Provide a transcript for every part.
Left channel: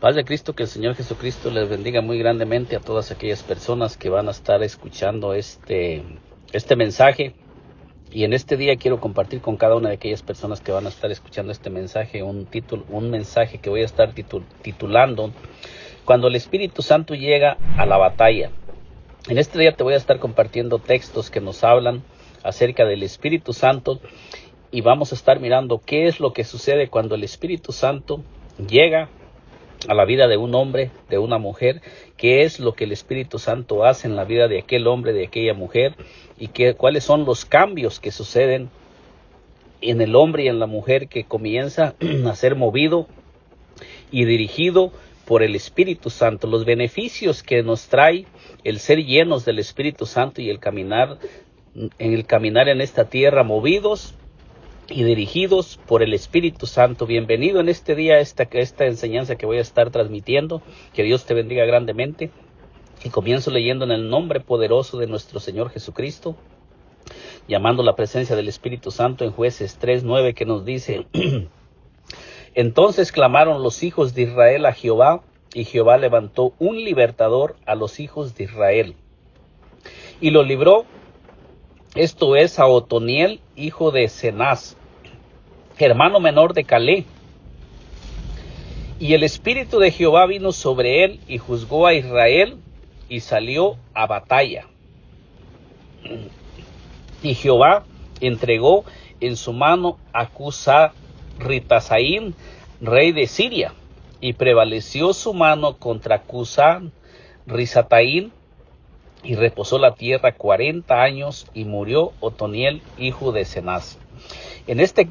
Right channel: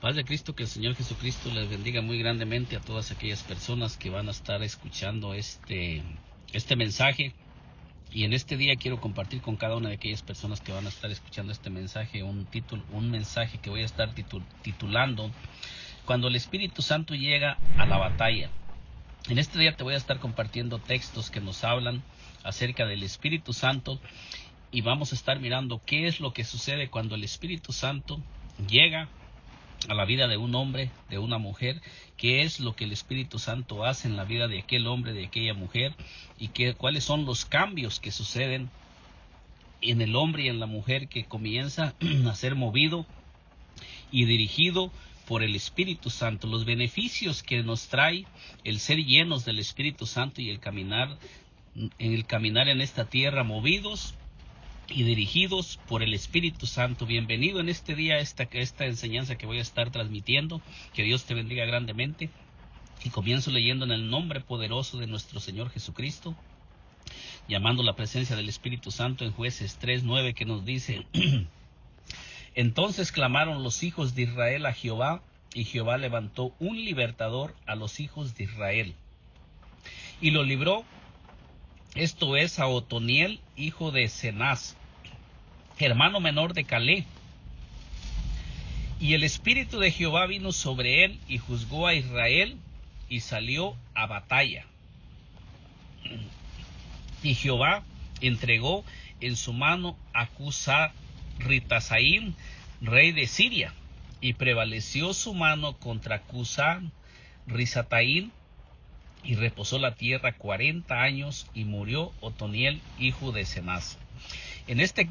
Paz de Cristo, que el Señor Jesucristo les bendiga muy grandemente a todas aquellas personas que van a estar escuchando este mensaje. Y en este día quiero compartir con cada una de aquellas personas que van a estar escuchando este mensaje un mensaje que voy a estar titulando Cuando el Espíritu Santo llega a la batalla. En este día te voy a estar compartiendo textos que nos hablan acerca del Espíritu Santo y vamos a estar mirando qué es lo que sucede cuando el Espíritu Santo llega a la vida de un hombre, de una mujer, qué es lo que el Espíritu Santo hace en la vida de aquel hombre, de aquella mujer, y cuáles son los cambios que suceden en el hombre y en la mujer que comienza a ser movido y dirigido por el Espíritu Santo, los beneficios que nos trae el ser llenos del Espíritu Santo y el caminar en esta tierra movidos y dirigidos por el Espíritu Santo. Bienvenido en este día a esta enseñanza que voy a estar transmitiendo. Que Dios te bendiga grandemente. Y comienzo leyendo en el nombre poderoso de nuestro Señor Jesucristo, llamando la presencia del Espíritu Santo en Jueces 3:9, que nos dice: Entonces clamaron los hijos de Israel a Jehová, y Jehová levantó un libertador a los hijos de Israel, y lo libró, esto es, a Otoniel, hijo de Cenaz, hermano menor de Caleb. Y el Espíritu de Jehová vino sobre él, y juzgó a Israel, y salió a batalla. Y Jehová entregó en su mano a Cusán-Ritasaim, rey de Siria, y prevaleció su mano contra Cusán-Risataim, y reposó la tierra 40 años, y murió Otoniel, hijo de Cenaz. En esta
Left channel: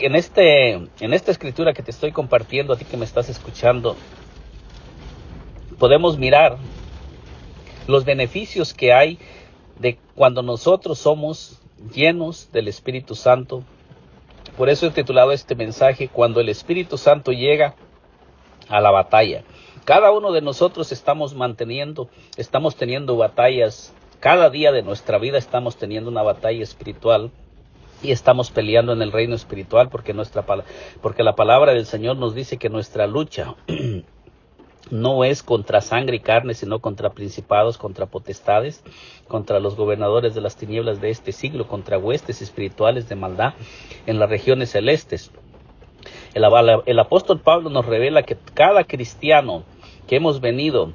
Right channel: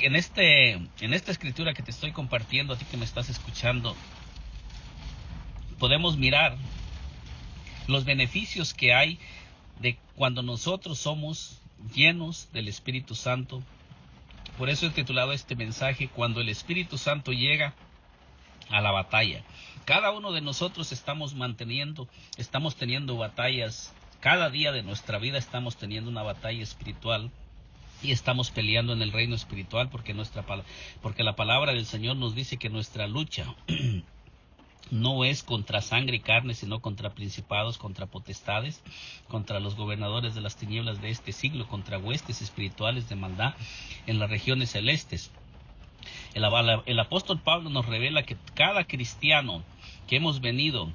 escritura que te estoy compartiendo, a ti que me estás escuchando, podemos mirar los beneficios que hay de cuando nosotros somos llenos del Espíritu Santo. Por eso he titulado este mensaje, Cuando el Espíritu Santo llega a la batalla. Cada uno de nosotros estamos teniendo batallas. Cada día de nuestra vida estamos teniendo una batalla espiritual y estamos peleando en el reino espiritual porque la palabra del Señor nos dice que nuestra lucha no es contra sangre y carne, sino contra principados, contra potestades, contra los gobernadores de las tinieblas de este siglo, contra huestes espirituales de maldad en las regiones celestes. El apóstol Pablo nos revela que cada cristiano que hemos venido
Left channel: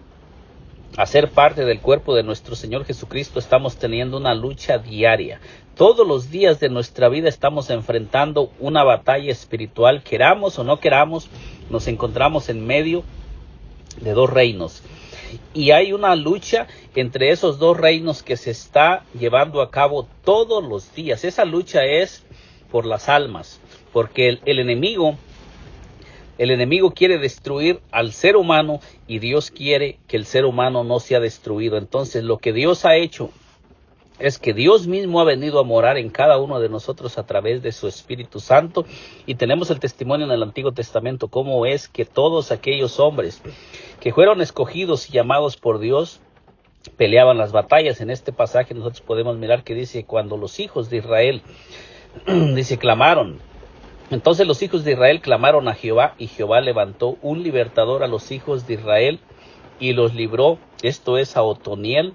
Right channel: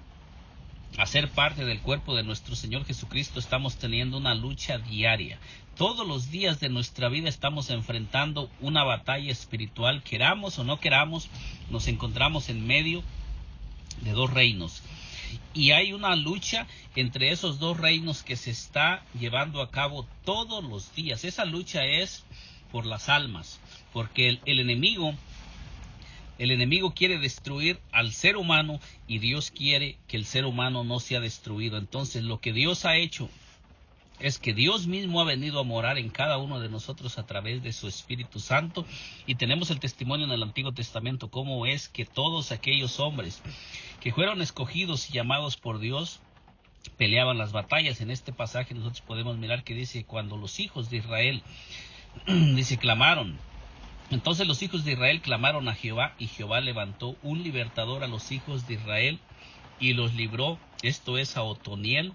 a ser parte del cuerpo de nuestro Señor Jesucristo, estamos teniendo una lucha diaria. Todos los días de nuestra vida estamos enfrentando una batalla espiritual. Queramos o no queramos, nos encontramos en medio de dos reinos. Y hay una lucha entre esos dos reinos que se está llevando a cabo todos los días. Esa lucha es por las almas, porque el enemigo quiere destruir al ser humano y Dios quiere que el ser humano no sea destruido. Entonces, lo que Dios ha hecho es que Dios mismo ha venido a morar en cada uno de nosotros a través de su Espíritu Santo. Y tenemos el testimonio en el Antiguo Testamento, cómo es que todos aquellos hombres que fueron escogidos y llamados por Dios peleaban las batallas. En este pasaje nosotros podemos mirar que dice, cuando los hijos de Israel, clamaron. Entonces los hijos de Israel clamaron a Jehová, y Jehová levantó un libertador a los hijos de Israel, y los libró, esto es, a Otoniel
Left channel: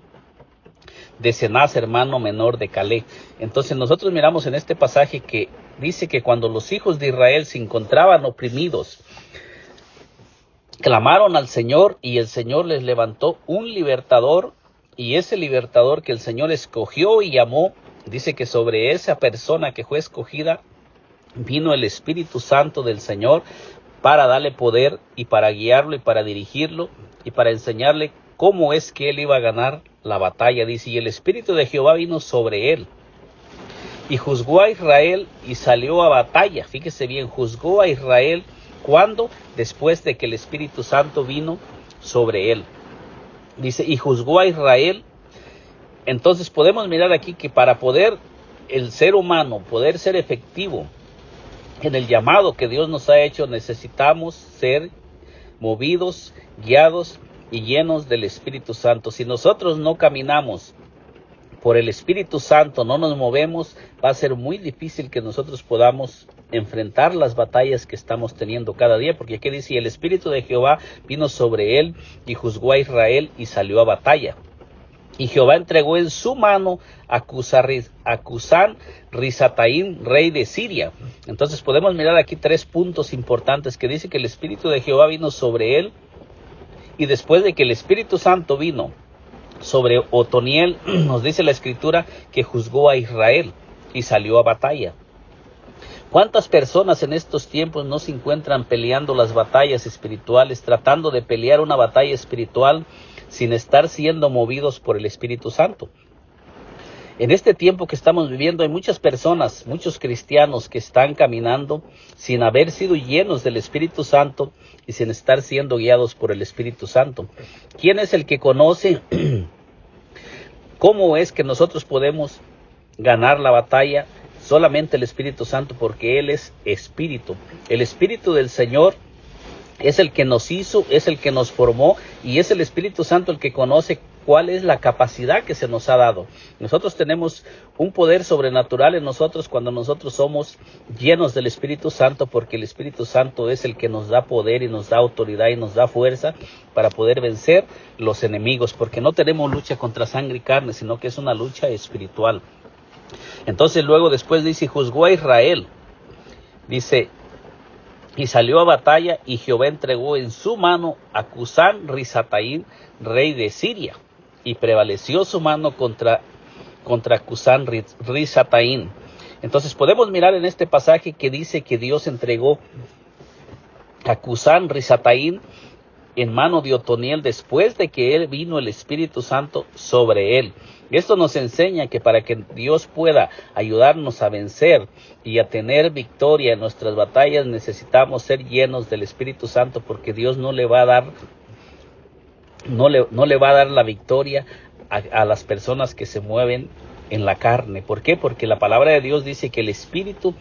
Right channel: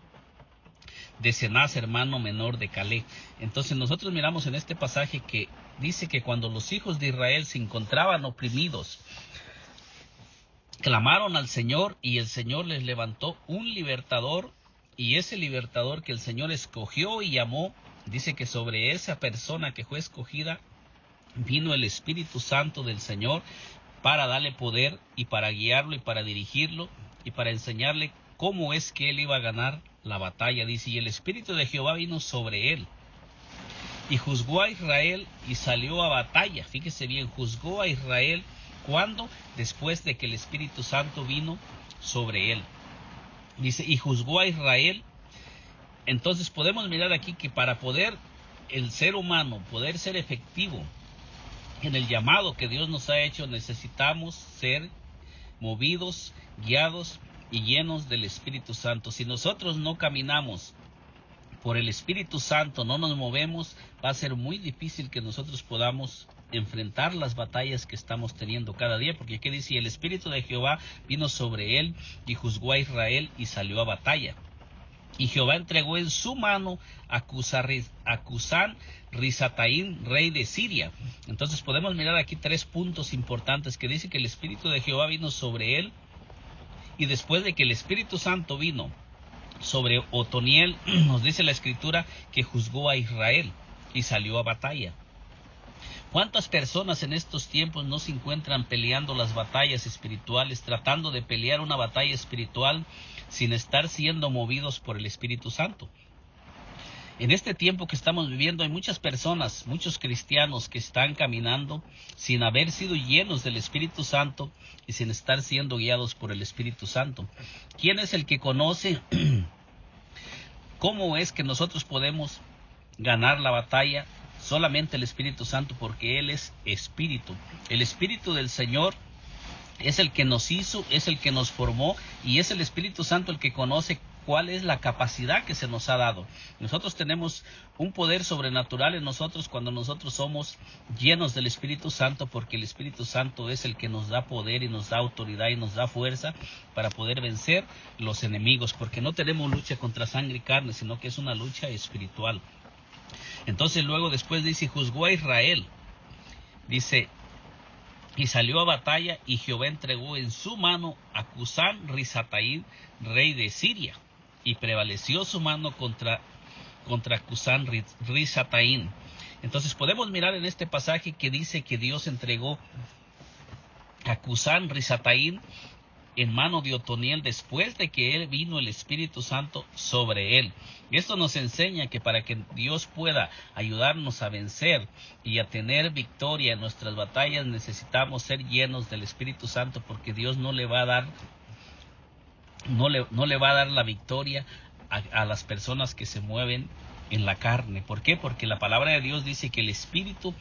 de Cenaz, hermano menor de Caleb. Entonces nosotros miramos en este pasaje que dice que cuando los hijos de Israel se encontraban oprimidos, clamaron al Señor, y el Señor les levantó un libertador, y ese libertador que el Señor escogió y llamó, dice que sobre esa persona que fue escogida vino el Espíritu Santo del Señor para darle poder y para guiarlo y para dirigirlo y para enseñarle cómo es que él iba a ganar la batalla. Dice, y el Espíritu de Jehová vino sobre él y juzgó a Israel y salió a batalla. Fíjese bien, juzgó a Israel. ¿Cuándo? Después de que el Espíritu Santo vino sobre él. Dice, y juzgó a Israel. Entonces podemos mirar aquí que para poder el ser humano poder ser efectivo en el llamado que Dios nos ha hecho, necesitamos ser movidos, guiados y llenos del Espíritu Santo. Si nosotros no caminamos por el Espíritu Santo, no nos movemos, va a ser muy difícil que nosotros podamos enfrentar las batallas que estamos teniendo cada día, porque aquí dice, el Espíritu de Jehová vino sobre él y juzgó a Israel y salió a batalla. Y Jehová entregó en su mano a Cusán Risataim, rey de Siria. Entonces podemos mirar aquí 3 puntos importantes, que dice que el Espíritu de Jehová vino sobre él, y después de que el Espíritu Santo vino sobre Otoniel, nos dice la Escritura que juzgó a Israel y salió a batalla. ¿Cuántas personas en estos tiempos no se encuentran peleando las batallas espirituales, tratando de pelear una batalla espiritual sin estar siendo movidos por el Espíritu Santo? En este tiempo que estamos viviendo hay muchas personas, muchos cristianos que están caminando sin haber sido llenos del Espíritu Santo y sin estar siendo guiados por el Espíritu Santo. ¿Quién es el que conoce cómo es que nosotros podemos ganar la batalla? Solamente el Espíritu Santo, porque Él es Espíritu. El Espíritu del Señor es el que nos hizo, es el que nos formó, y es el Espíritu Santo el que conoce cuál es la capacidad que se nos ha dado. Nosotros tenemos un poder sobrenatural en nosotros cuando nosotros somos llenos del Espíritu Santo, porque el Espíritu Santo es el que nos da poder y nos da autoridad y nos da fuerza para poder vencer los enemigos, porque no tenemos lucha contra sangre y carne, sino que es una lucha espiritual. Entonces luego después dice, juzgó a Israel, dice, y salió a batalla, y Jehová entregó en su mano a Cusán Risataim, rey de Siria, y prevaleció su mano contra Cusán Risataim. Entonces podemos mirar en este pasaje que dice que Dios entregó a Cusán Risataim en mano de Otoniel después de que él vino el Espíritu Santo sobre él. Esto nos enseña que para que Dios pueda ayudarnos a vencer y a tener victoria en nuestras batallas, necesitamos ser llenos del Espíritu Santo, porque Dios no le va a dar la victoria a las personas que se mueven en la carne. ¿Por qué? Porque la palabra de Dios dice que el Espíritu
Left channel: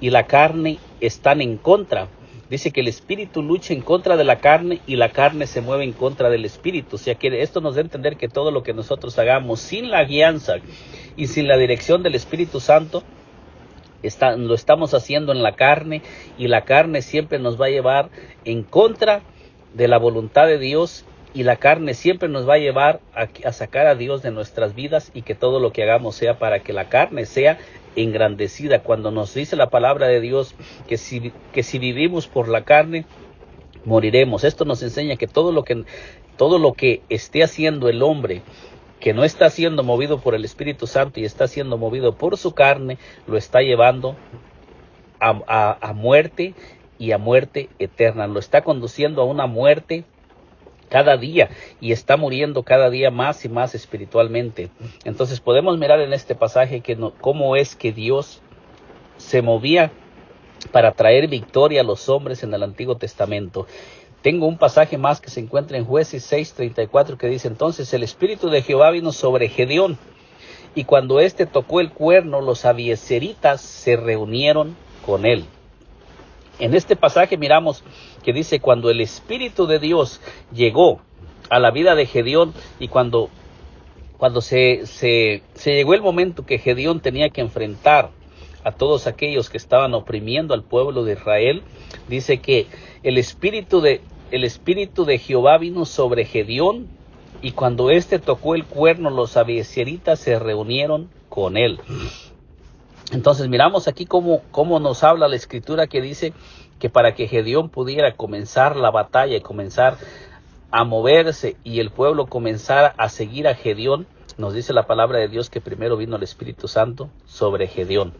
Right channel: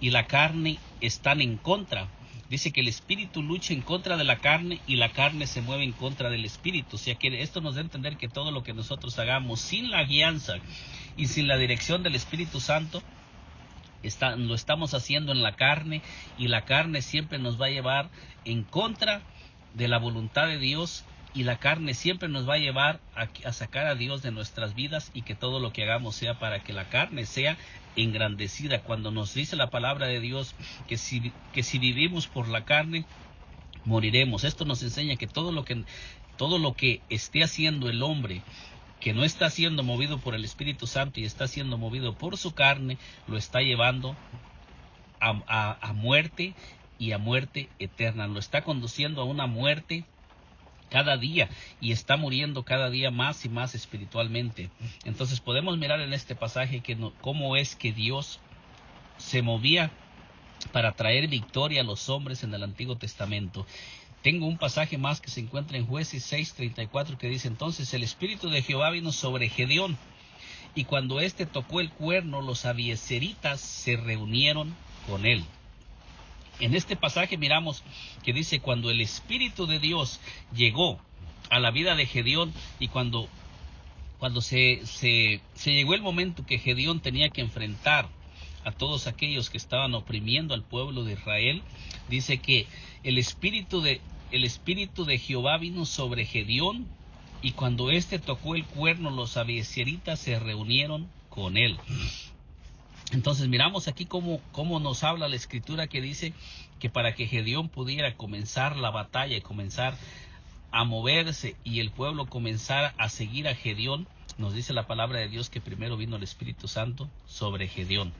y la carne están en contra. Dice que el Espíritu lucha en contra de la carne y la carne se mueve en contra del Espíritu. O sea que esto nos da a entender que todo lo que nosotros hagamos sin la guianza y sin la dirección del Espíritu Santo, lo estamos haciendo en la carne, y la carne siempre nos va a llevar en contra de la voluntad de Dios, y la carne siempre nos va a llevar a sacar a Dios de nuestras vidas, y que todo lo que hagamos sea para que la carne sea engrandecida. Cuando nos dice la palabra de Dios que si vivimos por la carne, moriremos. Esto nos enseña que todo lo que esté haciendo el hombre, que no está siendo movido por el Espíritu Santo y está siendo movido por su carne, lo está llevando a muerte, y a muerte eterna. Lo está conduciendo a una muerte cada día, y está muriendo cada día más y más espiritualmente. Entonces podemos mirar en este pasaje cómo es que Dios se movía para traer victoria a los hombres en el Antiguo Testamento. Tengo un pasaje más que se encuentra en Jueces 6:34, que dice, entonces el Espíritu de Jehová vino sobre Gedeón, y cuando éste tocó el cuerno, los abiezeritas se reunieron con él. En este pasaje miramos que dice, cuando el Espíritu de Dios llegó a la vida de Gedeón, y cuando se llegó el momento que Gedeón tenía que enfrentar a todos aquellos que estaban oprimiendo al pueblo de Israel, dice que el Espíritu de Jehová vino sobre Gedeón, y cuando éste tocó el cuerno, los abiezeritas se reunieron con él. Entonces miramos aquí cómo nos habla la Escritura, que dice que para que Gedeón pudiera comenzar la batalla y comenzar a moverse, y el pueblo comenzara a seguir a Gedeón, nos dice la palabra de Dios que primero vino el Espíritu Santo sobre Gedeón.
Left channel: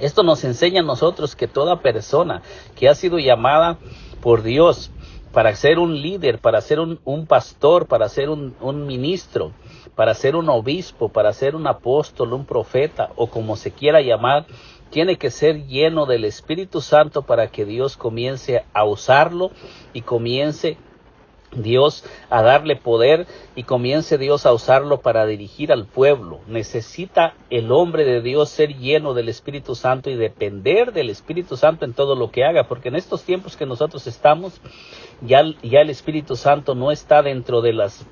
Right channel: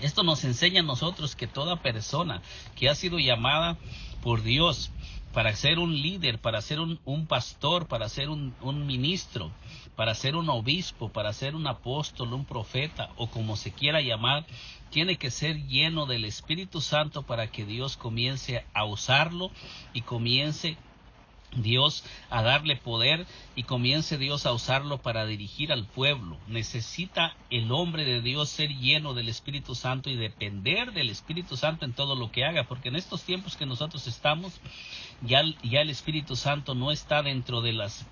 Esto nos enseña a nosotros que toda persona que ha sido llamada por Dios para ser un líder, para ser un pastor, para ser un ministro, para ser un obispo, para ser un apóstol, un profeta, o como se quiera llamar, tiene que ser lleno del Espíritu Santo para que Dios comience a usarlo, y comience Dios a darle poder, y comience Dios a usarlo para dirigir al pueblo. Necesita el hombre de Dios ser lleno del Espíritu Santo y depender del Espíritu Santo en todo lo que haga, porque en estos tiempos que nosotros estamos, ya el Espíritu Santo no está dentro de los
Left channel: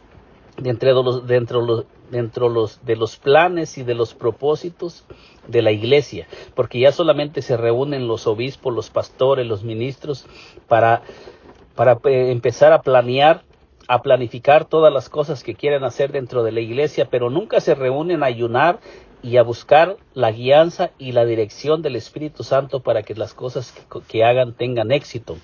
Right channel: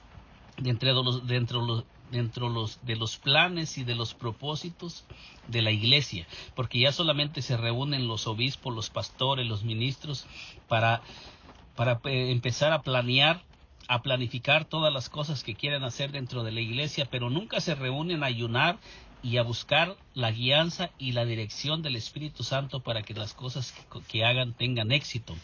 planes y de los propósitos de la iglesia, porque ya solamente se reúnen los obispos, los pastores, los ministros para empezar a planear, a planificar todas las cosas que quieren hacer dentro de la iglesia, pero nunca se reúnen a ayunar y a buscar la guianza y la dirección del Espíritu Santo para que las cosas que hagan tengan éxito.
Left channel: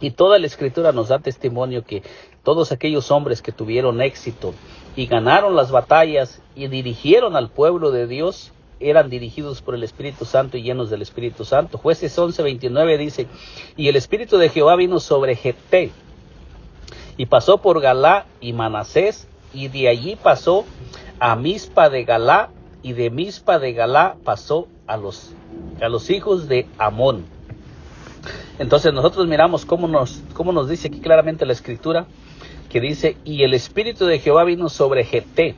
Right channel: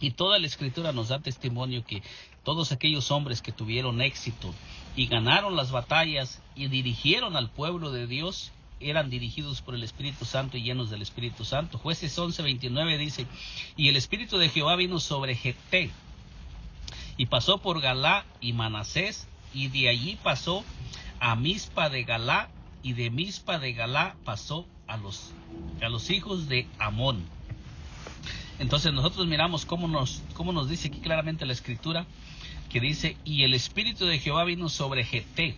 Y toda la Escritura nos da testimonio que todos aquellos hombres que tuvieron éxito y ganaron las batallas y dirigieron al pueblo de Dios, eran dirigidos por el Espíritu Santo y llenos del Espíritu Santo. Jueces 11:29 dice, y el Espíritu de Jehová vino sobre Jefté, y pasó por Galá y Manasés, y de allí pasó a Mizpa de Galá, y de Mizpa de Galá pasó a los hijos de Amón. Entonces nosotros miramos cómo nos dice aquí claramente la Escritura, que dice, y el Espíritu de Jehová vino sobre Jefté,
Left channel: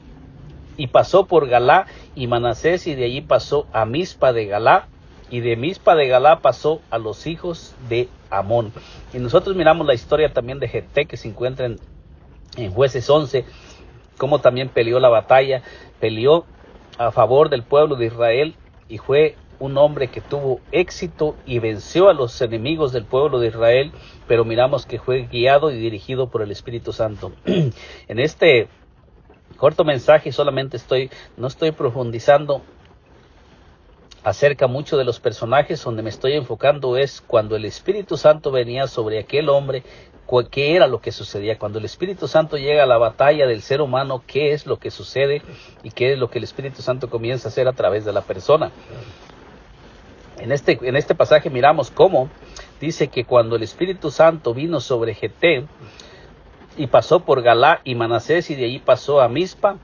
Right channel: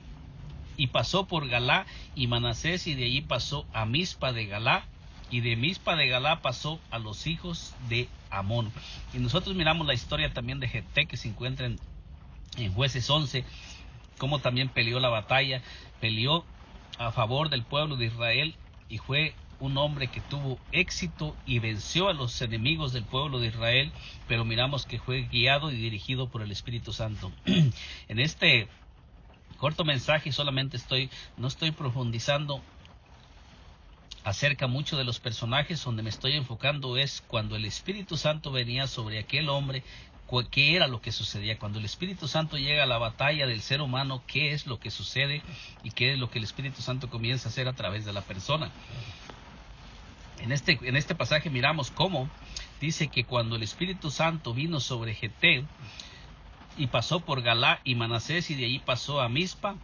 y pasó por Galá y Manasés, y de allí pasó a Mizpa de Galá, y de Mizpa de Galá pasó a los hijos de Amón. Y nosotros miramos la historia también de Jefté, que se encuentra en Jueces 11, cómo también peleó la batalla, peleó a favor del pueblo de Israel, y fue un hombre que tuvo éxito y venció a los enemigos del pueblo de Israel, pero miramos que fue guiado y dirigido por el Espíritu Santo. En este corto mensaje solamente no estoy profundizando acerca mucho de los personajes. Donde me estoy enfocando es cuando el Espíritu Santo venía sobre aquel hombre, qué era lo que sucedía. Cuando el Espíritu Santo llega a la batalla del ser humano, qué es lo que sucede y qué es lo que el Espíritu Santo comienza a hacer a través de la persona. En este pasaje miramos cómo dice que cuando el Espíritu Santo vino sobre Jefté y pasó por Galá y Manasés, y de ahí pasó a Mizpa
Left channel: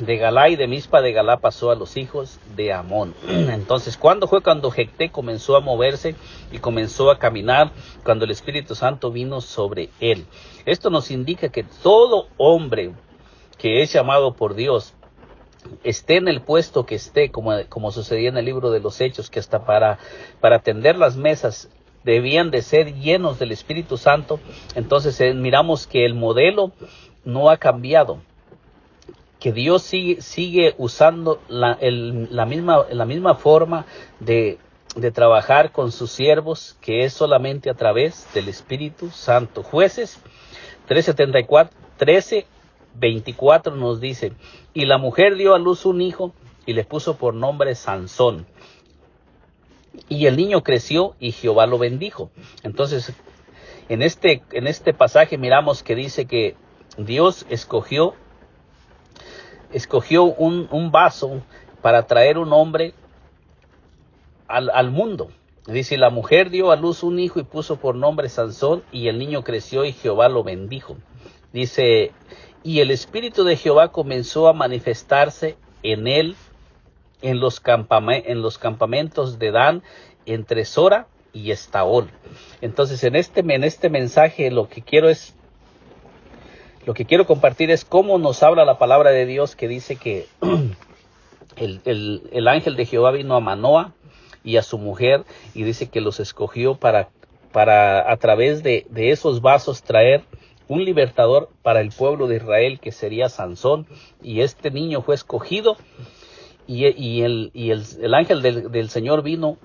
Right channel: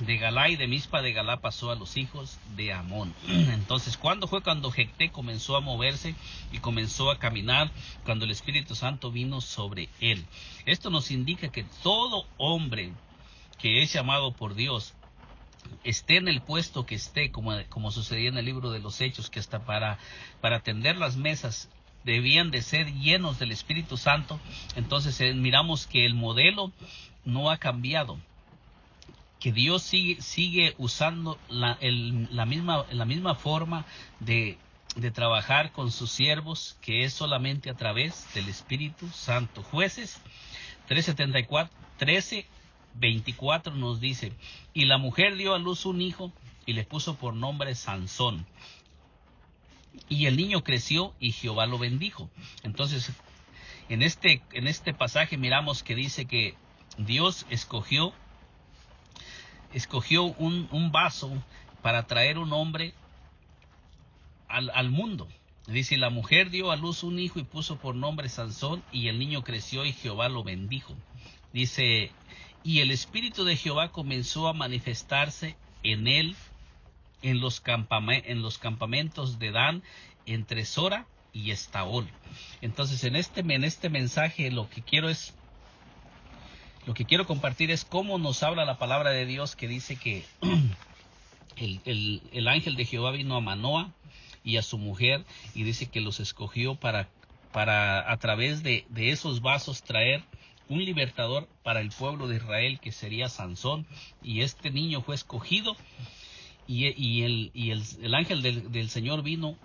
de Galá, y de Mizpa de Galá pasó a los hijos de Amón. Entonces, ¿cuándo fue cuando Jefté comenzó a moverse y comenzó a caminar? Cuando el Espíritu Santo vino sobre él. Esto nos indica que todo hombre que es llamado por Dios, esté en el puesto que esté, como sucedía en el libro de los Hechos, que hasta para atender las mesas debían de ser llenos del Espíritu Santo. Entonces miramos que el modelo no ha cambiado, que Dios sigue usando la misma forma de trabajar con sus siervos, que es solamente a través del Espíritu Santo. Jueces 13:24 nos dice, y la mujer dio a luz un hijo y le puso por nombre Sansón. Y el niño creció y Jehová lo bendijo. Entonces, en este pasaje miramos que dice que Dios escogió un vaso para traer un hombre al mundo. Dice, la mujer dio a luz un hijo y puso por nombre Sansón, y el niño creció y Jehová lo bendijo. Dice, y el Espíritu de Jehová comenzó a manifestarse en él en los campamentos de Dan, entre Sora y Estaol. Entonces, en este mensaje lo que quiero compartir es cómo nos habla la palabra de Dios, que dice que el ángel de Jehová vino a Manoa y a su mujer, y dice que los escogió para a través de esos vasos traer un libertador para el pueblo de Israel, que sería Sansón. Y este niño fue escogido, y el ángel del Señor vino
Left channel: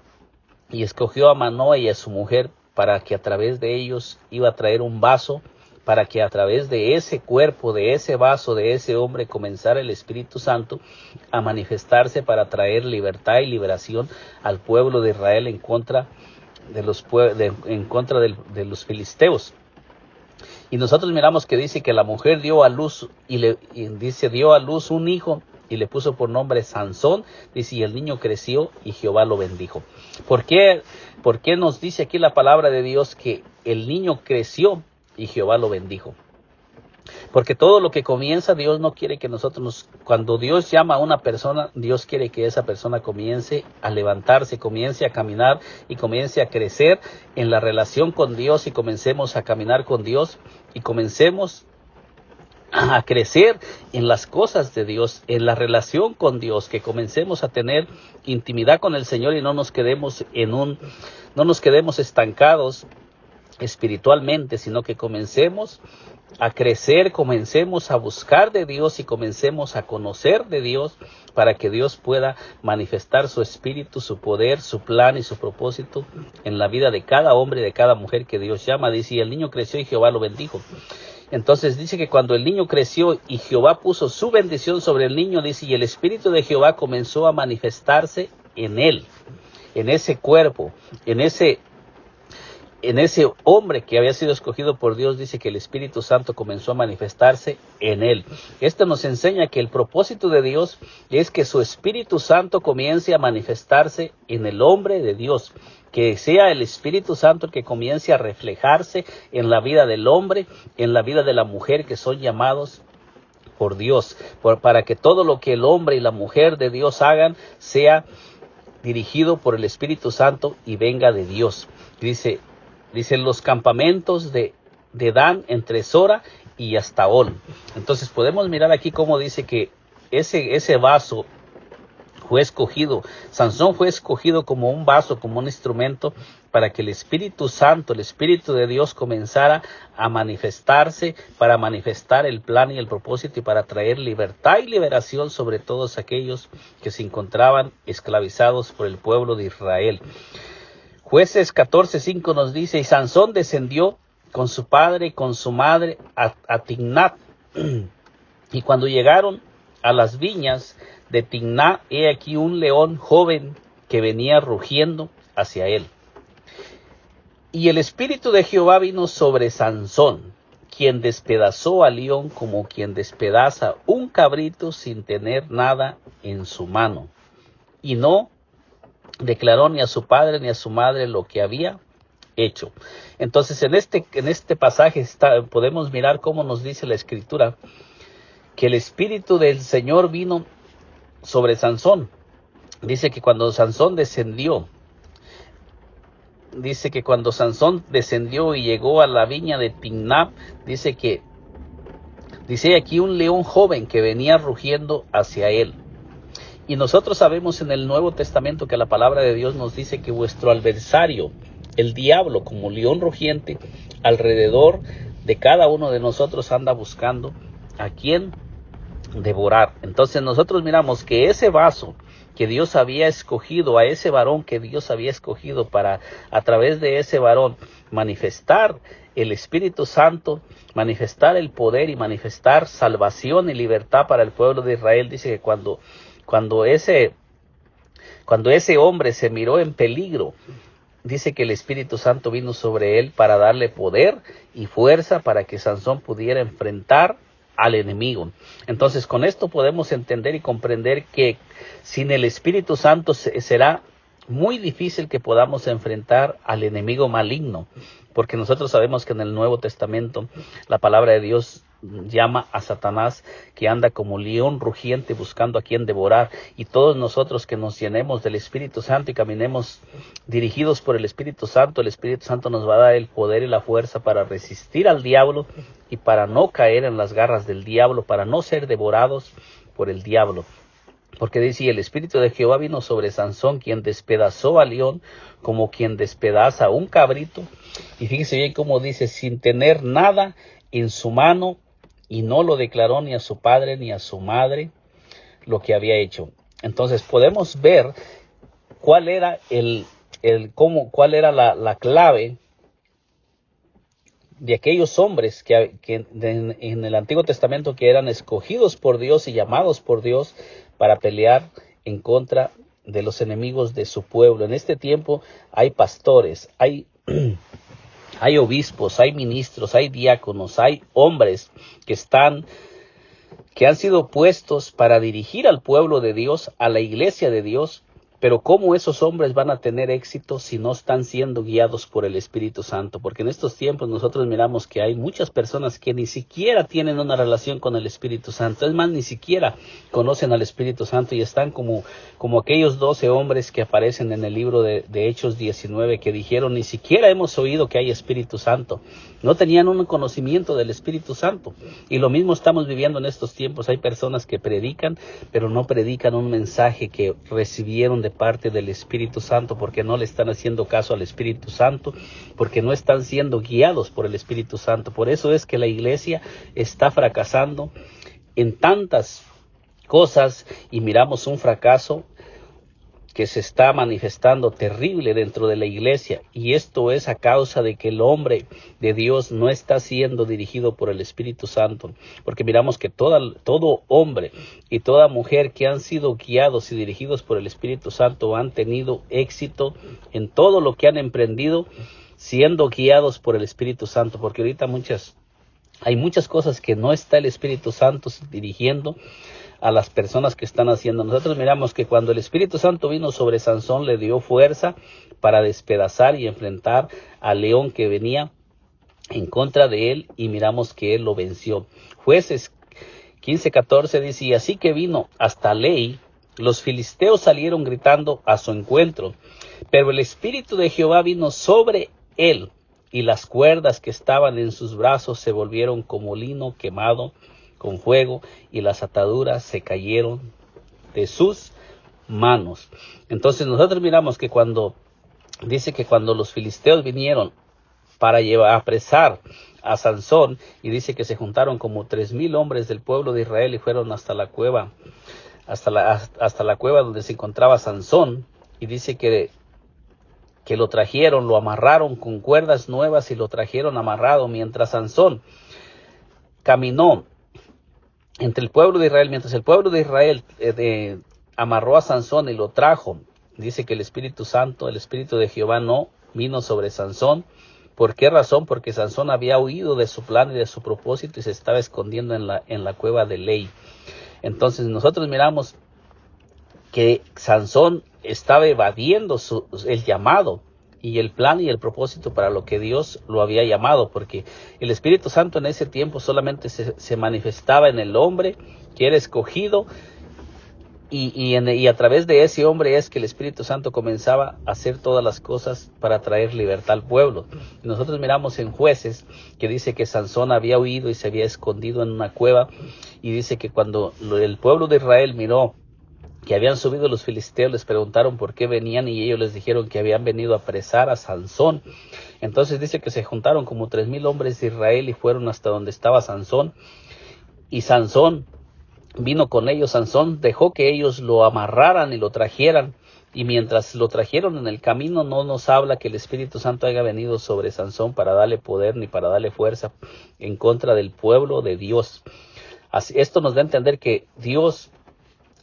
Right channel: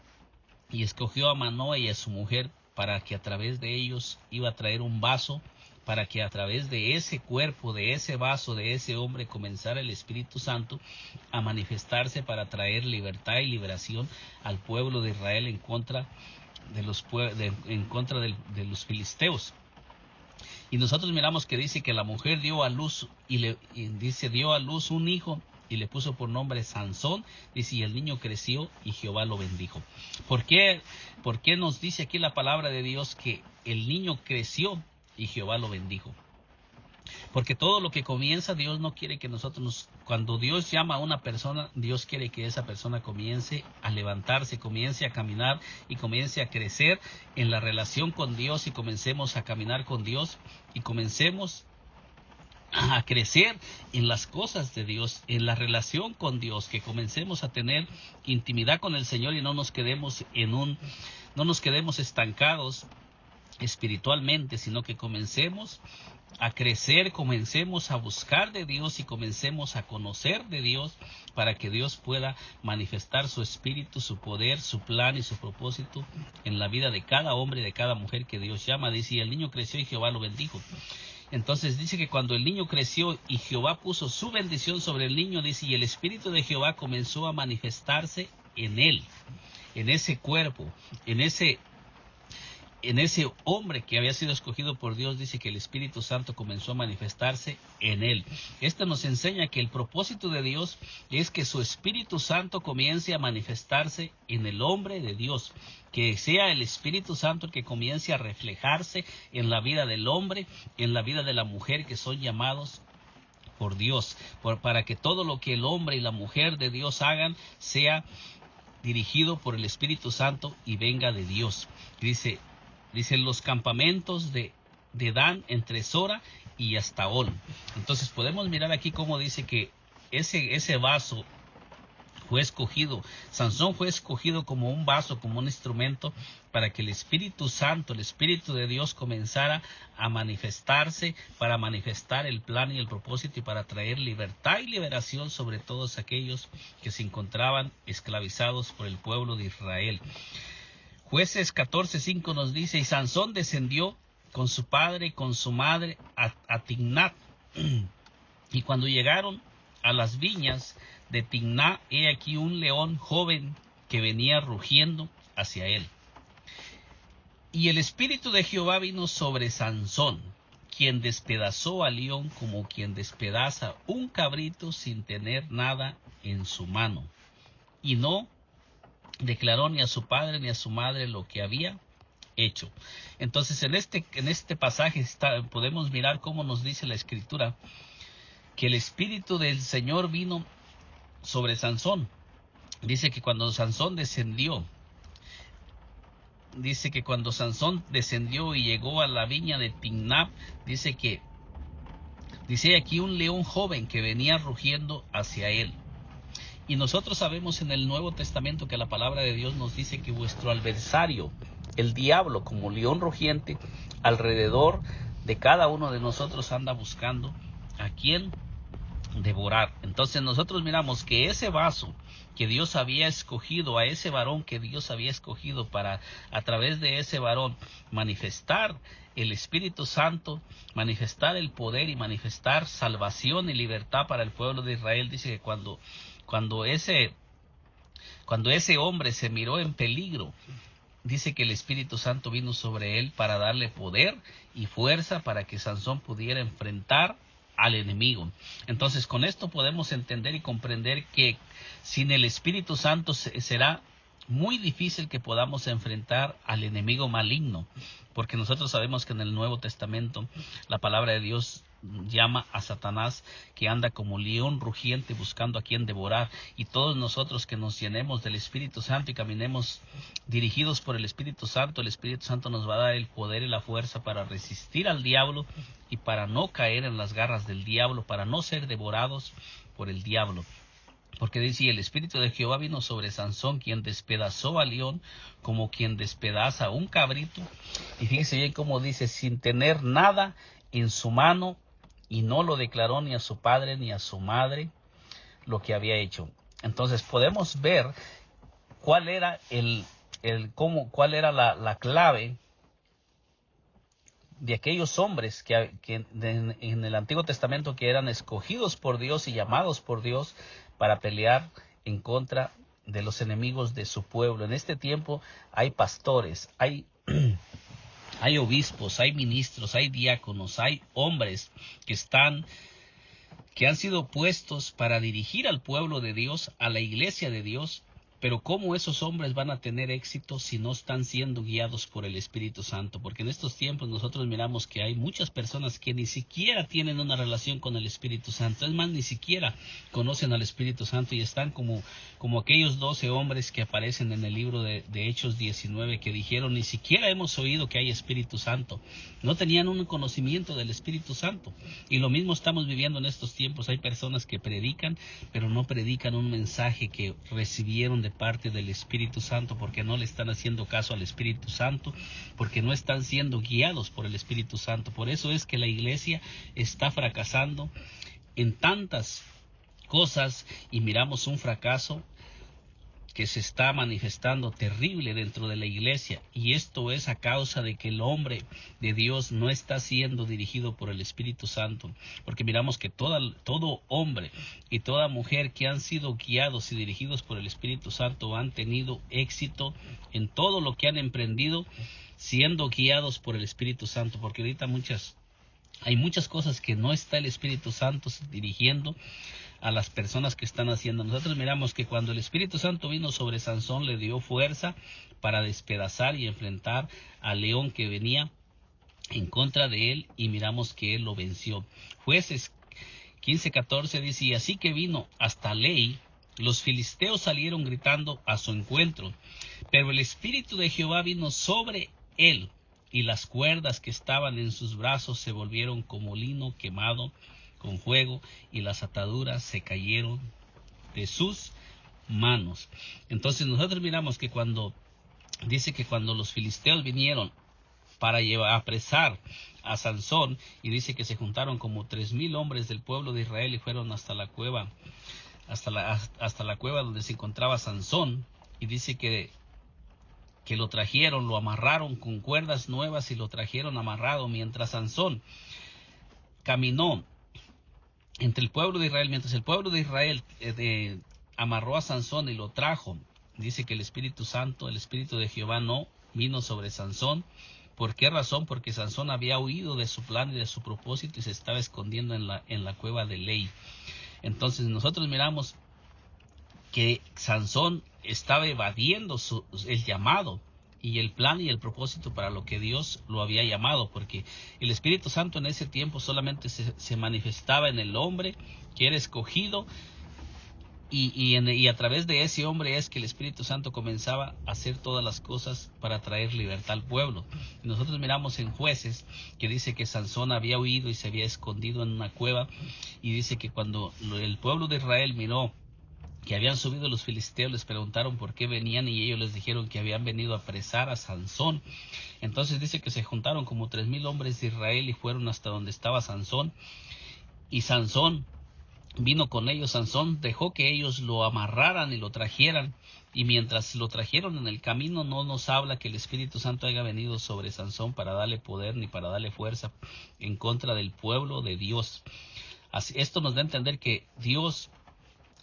y escogió a Manoa y a su mujer, para que a través de ellos iba a traer un vaso, para que a través de ese cuerpo, de ese vaso, de ese hombre, comenzara el Espíritu Santo a manifestarse para traer libertad y liberación al pueblo de Israel en contra de los filisteos. Y nosotros miramos que dice que la mujer dio a luz dio a luz un hijo y le puso por nombre Sansón. Dice, y el niño creció y Jehová lo bendijo. ¿Por qué nos dice aquí la palabra de Dios que el niño creció y Jehová lo bendijo? Porque todo lo que comienza, Dios no quiere que cuando Dios llama a una persona, Dios quiere que esa persona comience a levantarse, comience a caminar y comience a crecer en la relación con Dios, y comencemos a caminar con Dios y comencemos a crecer en las cosas de Dios, en la relación con Dios, que comencemos a tener intimidad con el Señor y no nos quedemos estancados espiritualmente, sino que comencemos a crecer, comencemos a buscar de Dios y comencemos a conocer de Dios para que Dios pueda manifestar su espíritu, su poder, su plan y su propósito en la vida de cada hombre y de cada mujer que Dios llama. Dice, y el niño creció y Jehová lo bendijo. Entonces dice que cuando el niño creció y Jehová puso su bendición sobre el niño, dice, y el espíritu de Jehová comenzó a manifestarse en él, en ese cuerpo, en ese hombre que había sido escogido por Dios. Dice que el Espíritu Santo comenzó a manifestarse en él. Esto nos enseña que el propósito de Dios es que su Espíritu Santo comience a manifestarse en el hombre de Dios, que sea el Espíritu Santo el que comience a reflejarse en la vida del hombre, en la vida de la mujer que son llamados por Dios, para que todo lo que el hombre y la mujer de Dios hagan sea dirigido por el Espíritu Santo y venga de Dios. Dicen los campamentos de Dan entre Sora y Estaol. Entonces podemos mirar aquí cómo dice que ese vaso fue escogido. Sansón fue escogido como un vaso, como un instrumento para que el Espíritu Santo, el Espíritu de Dios comenzara a manifestarse, para manifestar el plan y el propósito y para traer libertad y liberación sobre todos aquellos que se encontraban esclavizados por el pueblo de Israel. Jueces 14:5 nos dice, y Sansón descendió con su padre y con su madre a Timnat. Y cuando llegaron a las viñas de Timnat, he aquí un león joven que venía rugiendo hacia él. Y el espíritu de Jehová vino sobre Sansón, quien despedazó al león como quien despedaza un cabrito sin tener nada en su mano. Y no declaró ni a su padre ni a su madre lo que había hecho. Entonces en este pasaje podemos mirar cómo nos dice la Escritura que el Espíritu del Señor vino sobre Sansón. Dice que cuando Sansón descendió y llegó a la viña de Timnat, dice aquí un león joven que venía rugiendo hacia él. Y nosotros sabemos en el Nuevo Testamento que la palabra de Dios nos dice que vuestro adversario, el diablo, como león rugiente, alrededor de cada uno de nosotros anda buscando a quien devorar. Entonces nosotros miramos que ese vaso que Dios había escogido, a ese varón que Dios había escogido para a través de ese varón manifestar el Espíritu Santo, manifestar el poder y manifestar salvación y libertad para el pueblo de Israel. Dice que cuando ese hombre se miró en peligro, dice que el Espíritu Santo vino sobre él para darle poder y fuerza para que Sansón pudiera enfrentar al enemigo. Entonces con esto podemos entender y comprender que sin el Espíritu Santo será muy difícil que podamos enfrentar al enemigo maligno, porque nosotros sabemos que en el Nuevo Testamento la palabra de Dios llama a Satanás que anda como león rugiente buscando a quien devorar, y todos nosotros que nos llenemos del Espíritu Santo y caminemos dirigidos por el Espíritu Santo nos va a dar el poder y la fuerza para resistir al diablo y para no caer en las garras del diablo, para no ser devorados por el diablo. Porque dice, el Espíritu de Jehová vino sobre Sansón, quien despedazó al león como quien despedaza un cabrito. Y fíjese bien cómo dice, sin tener nada en su mano, y no lo declaró ni a su padre ni a su madre lo que había hecho. Entonces podemos ver cuál era cuál era la clave de aquellos hombres que en el Antiguo Testamento que eran escogidos por Dios y llamados por Dios para pelear en contra de los enemigos de su pueblo. En este tiempo hay pastores, hay obispos, hay ministros, hay diáconos, hay hombres que han sido puestos para dirigir al pueblo de Dios, a la iglesia de Dios. Pero ¿cómo esos hombres van a tener éxito si no están siendo guiados por el Espíritu Santo? Porque en estos tiempos nosotros miramos que hay muchas personas que ni siquiera tienen una relación con el Espíritu Santo. Es más, ni siquiera conocen al Espíritu Santo y están como aquellos 12 hombres que aparecen en el libro de Hechos 19 que dijeron, ni siquiera hemos oído que hay Espíritu Santo. No tenían un conocimiento del Espíritu Santo. Y lo mismo estamos viviendo en estos tiempos. Hay personas que predican, pero no predican un mensaje que recibieron de parte del Espíritu Santo, porque no le están haciendo caso al Espíritu Santo, porque no están siendo guiados por el Espíritu Santo. Por eso es que la iglesia está fracasando en tantas cosas y miramos un fracaso que se está manifestando terrible dentro de la iglesia, y esto es a causa de que el hombre de Dios no está siendo dirigido por el Espíritu Santo, porque miramos que todo hombre y toda mujer que han sido guiados y dirigidos por el Espíritu Santo han tenido éxito en todo lo que han emprendido, siendo guiados por el Espíritu Santo, porque ahorita hay muchas cosas que no está el Espíritu Santo dirigiendo a las personas que están haciendo. Nosotros miramos que cuando el Espíritu Santo vino sobre Sansón, le dio fuerza para despedazar y enfrentar al león que venía en contra de él, y miramos que él lo venció. Jueces 15:14 dice: y así que vino hasta Lei, los filisteos salieron gritando a su encuentro, pero el Espíritu de Jehová vino sobre él, y las cuerdas que estaban en sus brazos se volvieron como lino quemado con fuego, y las ataduras se cayeron de sus manos. Entonces nosotros miramos que cuando los filisteos vinieron para apresar a Sansón, y dice que se juntaron como 3,000 hombres del pueblo de Israel y fueron hasta la cueva, hasta la cueva donde se encontraba Sansón, y dice que lo trajeron, lo amarraron con cuerdas nuevas y lo trajeron amarrado, mientras Sansón caminó entre el pueblo de Israel, mientras el pueblo de Israel amarró a Sansón y lo trajo. Dice que el Espíritu Santo, el Espíritu de Jehová no vino sobre Sansón. ¿Por qué razón? Porque Sansón había huido de su plan y de su propósito y se estaba escondiendo en la cueva de Lei. Entonces nosotros miramos que Sansón estaba evadiendo el llamado y el plan y el propósito para lo que Dios lo había llamado, porque el Espíritu Santo en ese tiempo solamente se manifestaba en el hombre que era escogido, y a través de ese hombre es que el Espíritu Santo comenzaba a hacer todas las cosas para traer libertad al pueblo. Nosotros miramos en Jueces que dice que Sansón había huido y se había escondido en una cueva, y dice que cuando el pueblo de Israel miró que habían subido los filisteos, les preguntaron por qué venían, y ellos les dijeron que habían venido a apresar a Sansón. Entonces dice que se juntaron como 3,000 hombres de Israel y fueron hasta donde estaba Sansón, y Sansón vino con ellos. Sansón dejó que ellos lo amarraran y lo trajeran, y mientras lo trajeron en el camino no nos habla que el Espíritu Santo haya venido sobre Sansón para darle poder ni para darle fuerza en contra del pueblo de Dios. Esto nos da a entender que Dios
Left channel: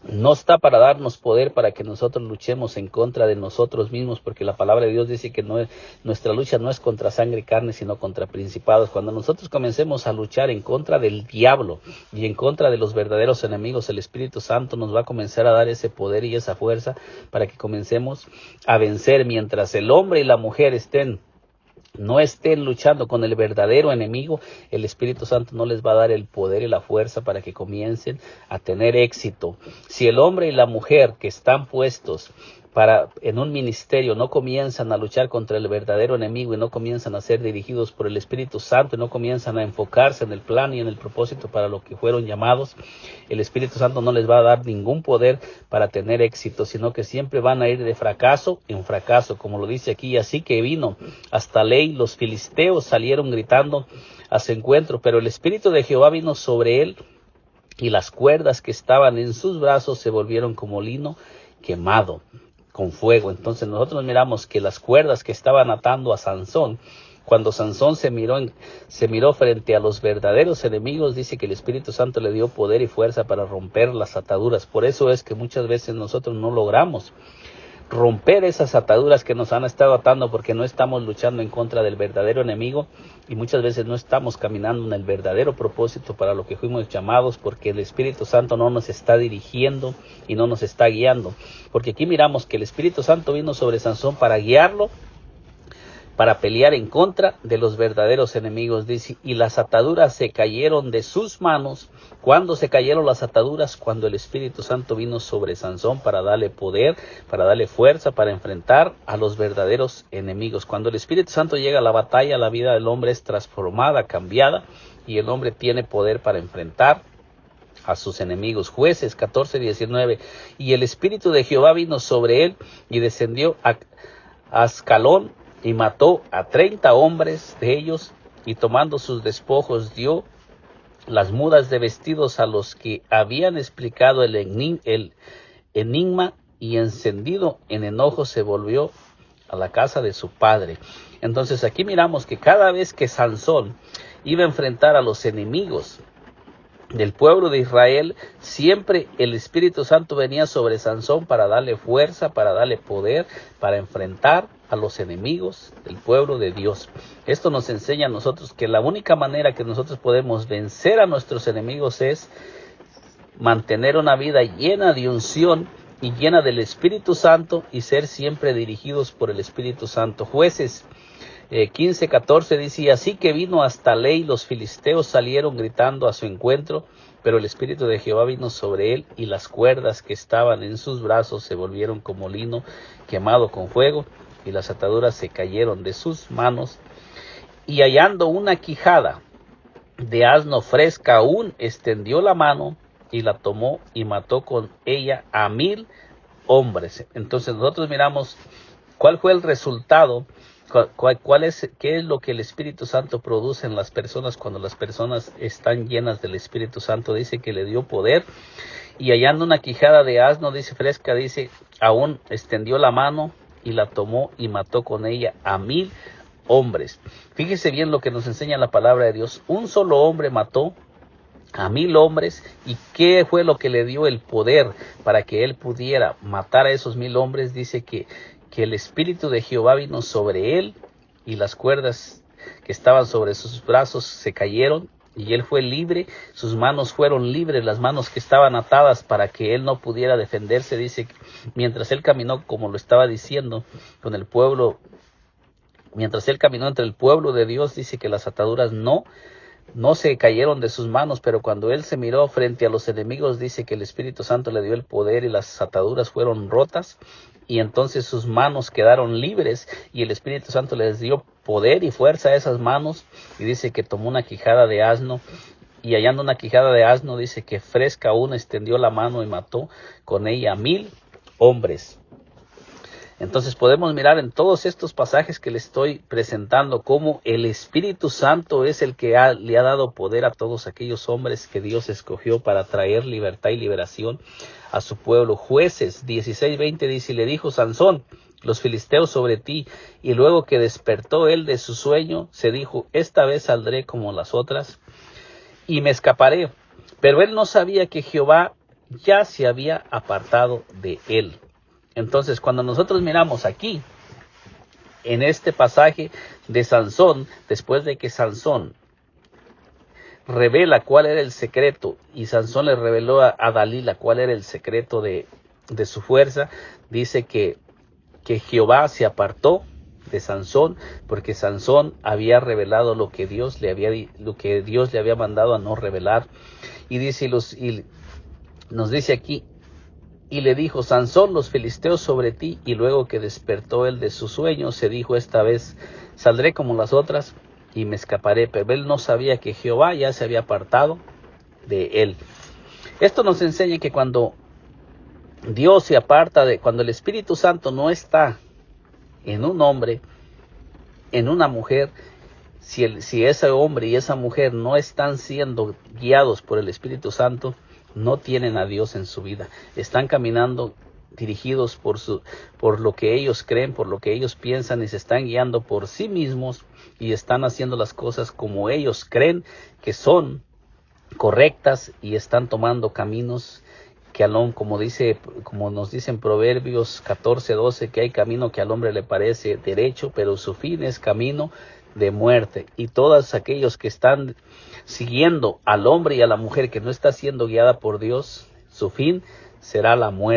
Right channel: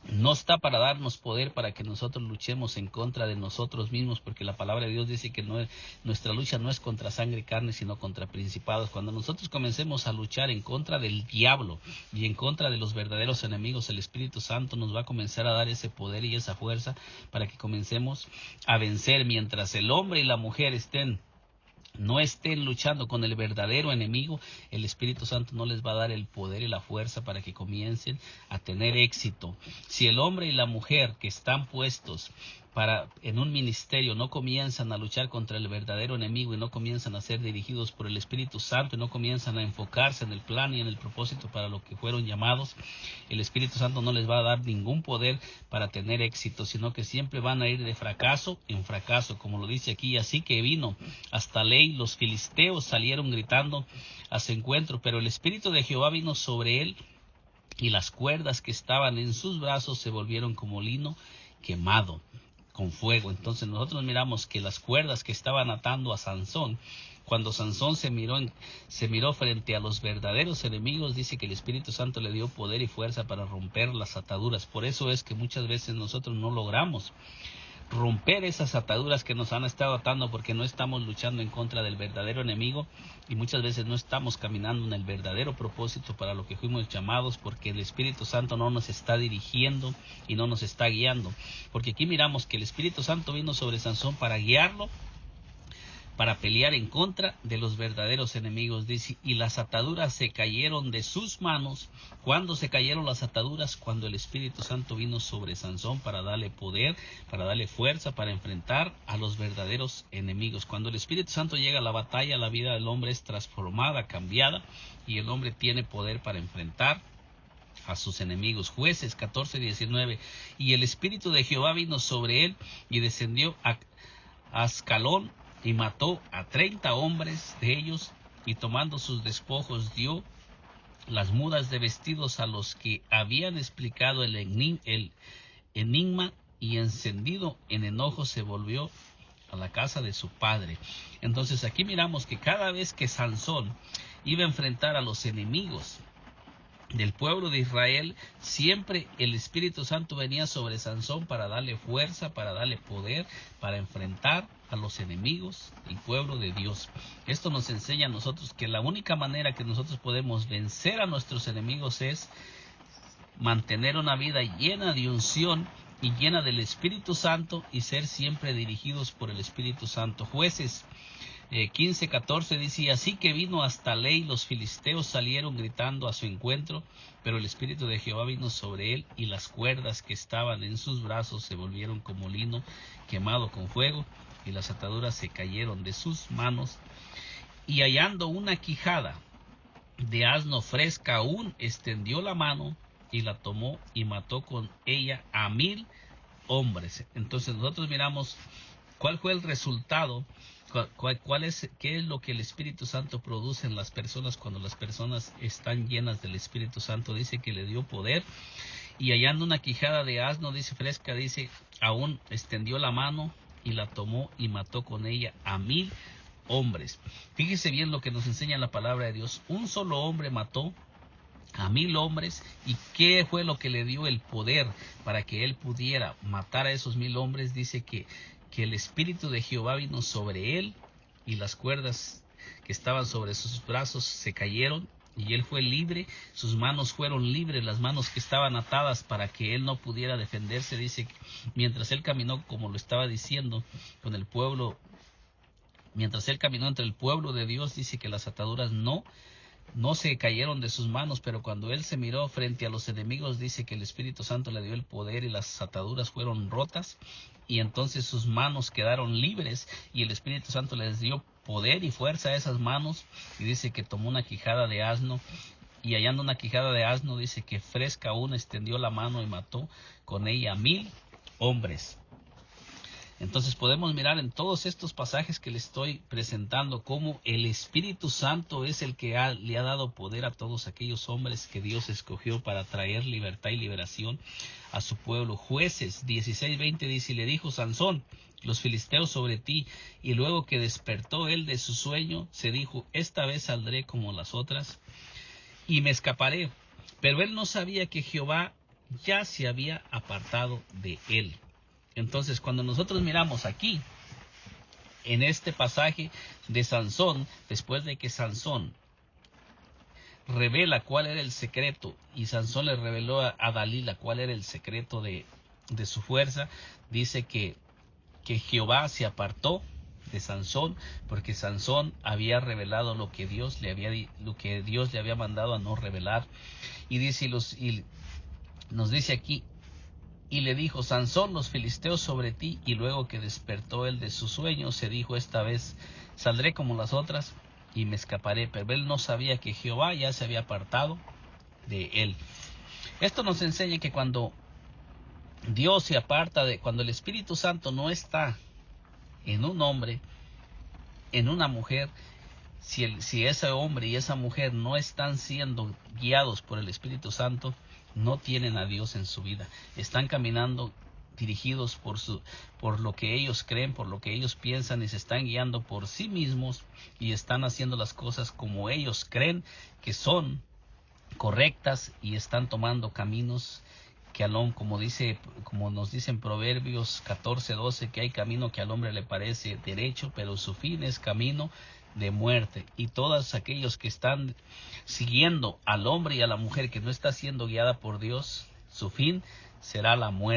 no está para darnos poder para que nosotros luchemos en contra de nosotros mismos, porque la palabra de Dios dice que nuestra lucha no es contra sangre y carne, sino contra principados. Cuando nosotros comencemos a luchar en contra del diablo y en contra de los verdaderos enemigos, el Espíritu Santo nos va a comenzar a dar ese poder y esa fuerza para que comencemos a vencer. Mientras el hombre y la mujer no estén luchando con el verdadero enemigo, el Espíritu Santo no les va a dar el poder y la fuerza para que comiencen a tener éxito. Si el hombre y la mujer que están puestos en un ministerio no comienzan a luchar contra el verdadero enemigo y no comienzan a ser dirigidos por el Espíritu Santo y no comienzan a enfocarse en el plan y en el propósito para lo que fueron llamados, el Espíritu Santo no les va a dar ningún poder para tener éxito, sino que siempre van a ir de fracaso en fracaso, como lo dice aquí. Así que vino hasta Lei, los filisteos salieron gritando a su encuentro, pero el Espíritu de Jehová vino sobre él, y las cuerdas que estaban en sus brazos se volvieron como lino quemado con fuego. Entonces nosotros miramos que las cuerdas que estaban atando a Sansón, cuando Sansón se miró frente a los verdaderos enemigos, dice que el Espíritu Santo le dio poder y fuerza para romper las ataduras. Por eso es que muchas veces nosotros no logramos romper esas ataduras que nos han estado atando, porque no estamos luchando en contra del verdadero enemigo, y muchas veces no estamos caminando en el verdadero propósito para lo que fuimos llamados, porque el Espíritu Santo no nos está dirigiendo y no nos está guiando. Porque aquí miramos que el Espíritu Santo vino sobre Sansón para guiarlo para pelear en contra de los verdaderos enemigos. Dice, y las ataduras se cayeron de sus manos. ¿Cuándo se cayeron las ataduras? Cuando el Espíritu Santo vino sobre Sansón para darle poder, para darle fuerza, para enfrentar a los verdaderos enemigos. Cuando el Espíritu Santo llega a la batalla, la vida del hombre es transformada, cambiada, y el hombre tiene poder para enfrentar a sus enemigos. Jueces 14:19. Y el Espíritu de Jehová vino sobre él y descendió a Ascalón y mató a 30 hombres de ellos, y tomando sus despojos dio las mudas de vestidos a los que habían explicado el enigma, y encendido en enojo se volvió a la casa de su padre. Entonces aquí miramos que cada vez que Sansón iba a enfrentar a los enemigos del pueblo de Israel, siempre el Espíritu Santo venía sobre Sansón para darle fuerza, para darle poder, para enfrentar a los enemigos del pueblo de Dios. Esto nos enseña a nosotros que la única manera que nosotros podemos vencer a nuestros enemigos es mantener una vida llena de unción y llena del Espíritu Santo, y ser siempre dirigidos por el Espíritu Santo. Jueces 15:14 dice, y así que vino hasta Ley, los filisteos salieron gritando a su encuentro, pero el Espíritu de Jehová vino sobre él, y las cuerdas que estaban en sus brazos se volvieron como lino quemado con fuego, y las ataduras se cayeron de sus manos. Y hallando una quijada de asno fresca aún, extendió la mano y la tomó y mató con ella a 1000 hombres. Entonces nosotros miramos cuál fue el resultado. ¿Qué es lo que el Espíritu Santo produce en las personas cuando las personas están llenas del Espíritu Santo? Dice que le dio poder. Y hallando una quijada de asno, dice fresca, dice, aún extendió la mano y la tomó y mató con ella a 1000 hombres. Fíjese bien lo que nos enseña la palabra de Dios. Un solo hombre mató a 1000 hombres. ¿Y qué fue lo que le dio el poder para que él pudiera matar a esos 1000 hombres? Dice que el Espíritu de Jehová vino sobre él, y las cuerdas que estaban sobre sus brazos se cayeron, y él fue libre. Sus manos fueron libres, las manos que estaban atadas para que él no pudiera defenderse. Dice, mientras él caminó, como lo estaba diciendo, con el pueblo, mientras él caminó entre el pueblo de Dios, dice que las ataduras no se cayeron de sus manos, pero cuando él se miró frente a los enemigos, dice que el Espíritu Santo le dio el poder y las ataduras fueron rotas, y entonces sus manos quedaron libres, y el Espíritu Santo les dio poder y fuerza a esas manos. Y dice que tomó una quijada de asno, y hallando una quijada de asno, dice que fresca aún, extendió la mano y mató con ella a 1000 hombres. Entonces podemos mirar en todos estos pasajes que le estoy presentando cómo el Espíritu Santo es el que le ha dado poder a todos aquellos hombres que Dios escogió para traer libertad y liberación a su pueblo. Jueces 16:20 dice, y le dijo Sansón, los filisteos sobre ti. Y luego que despertó él de su sueño, se dijo, esta vez saldré como las otras y me escaparé. Pero él no sabía que Jehová ya se había apartado de él. Entonces, cuando nosotros miramos aquí, en este pasaje de Sansón, después de que Sansón revela cuál era el secreto, y Sansón le reveló a Dalila cuál era el secreto de su fuerza, dice que Jehová se apartó de Sansón, porque Sansón había revelado lo que Dios le había mandado a no revelar. Y dice, nos dice aquí, y le dijo Sansón, los filisteos sobre ti. Y luego que despertó él de su sueño, se dijo, esta vez saldré como las otras y me escaparé. Pero él no sabía que Jehová ya se había apartado de él. Esto nos enseña que cuando Dios se aparta cuando el Espíritu Santo no está en un hombre, en una mujer, si ese hombre y esa mujer no están siendo guiados por el Espíritu Santo, no tienen a Dios en su vida. Están caminando dirigidos por lo que ellos creen, por lo que ellos piensan, y se están guiando por sí mismos, y están haciendo las cosas como ellos creen que son correctas, y están tomando caminos que como nos dice en Proverbios 14:12, que hay camino que al hombre le parece derecho, pero su fin es camino de muerte. Y todos aquellos que están siguiendo al hombre y a la mujer que no está siendo guiada por Dios, su fin será la muerte.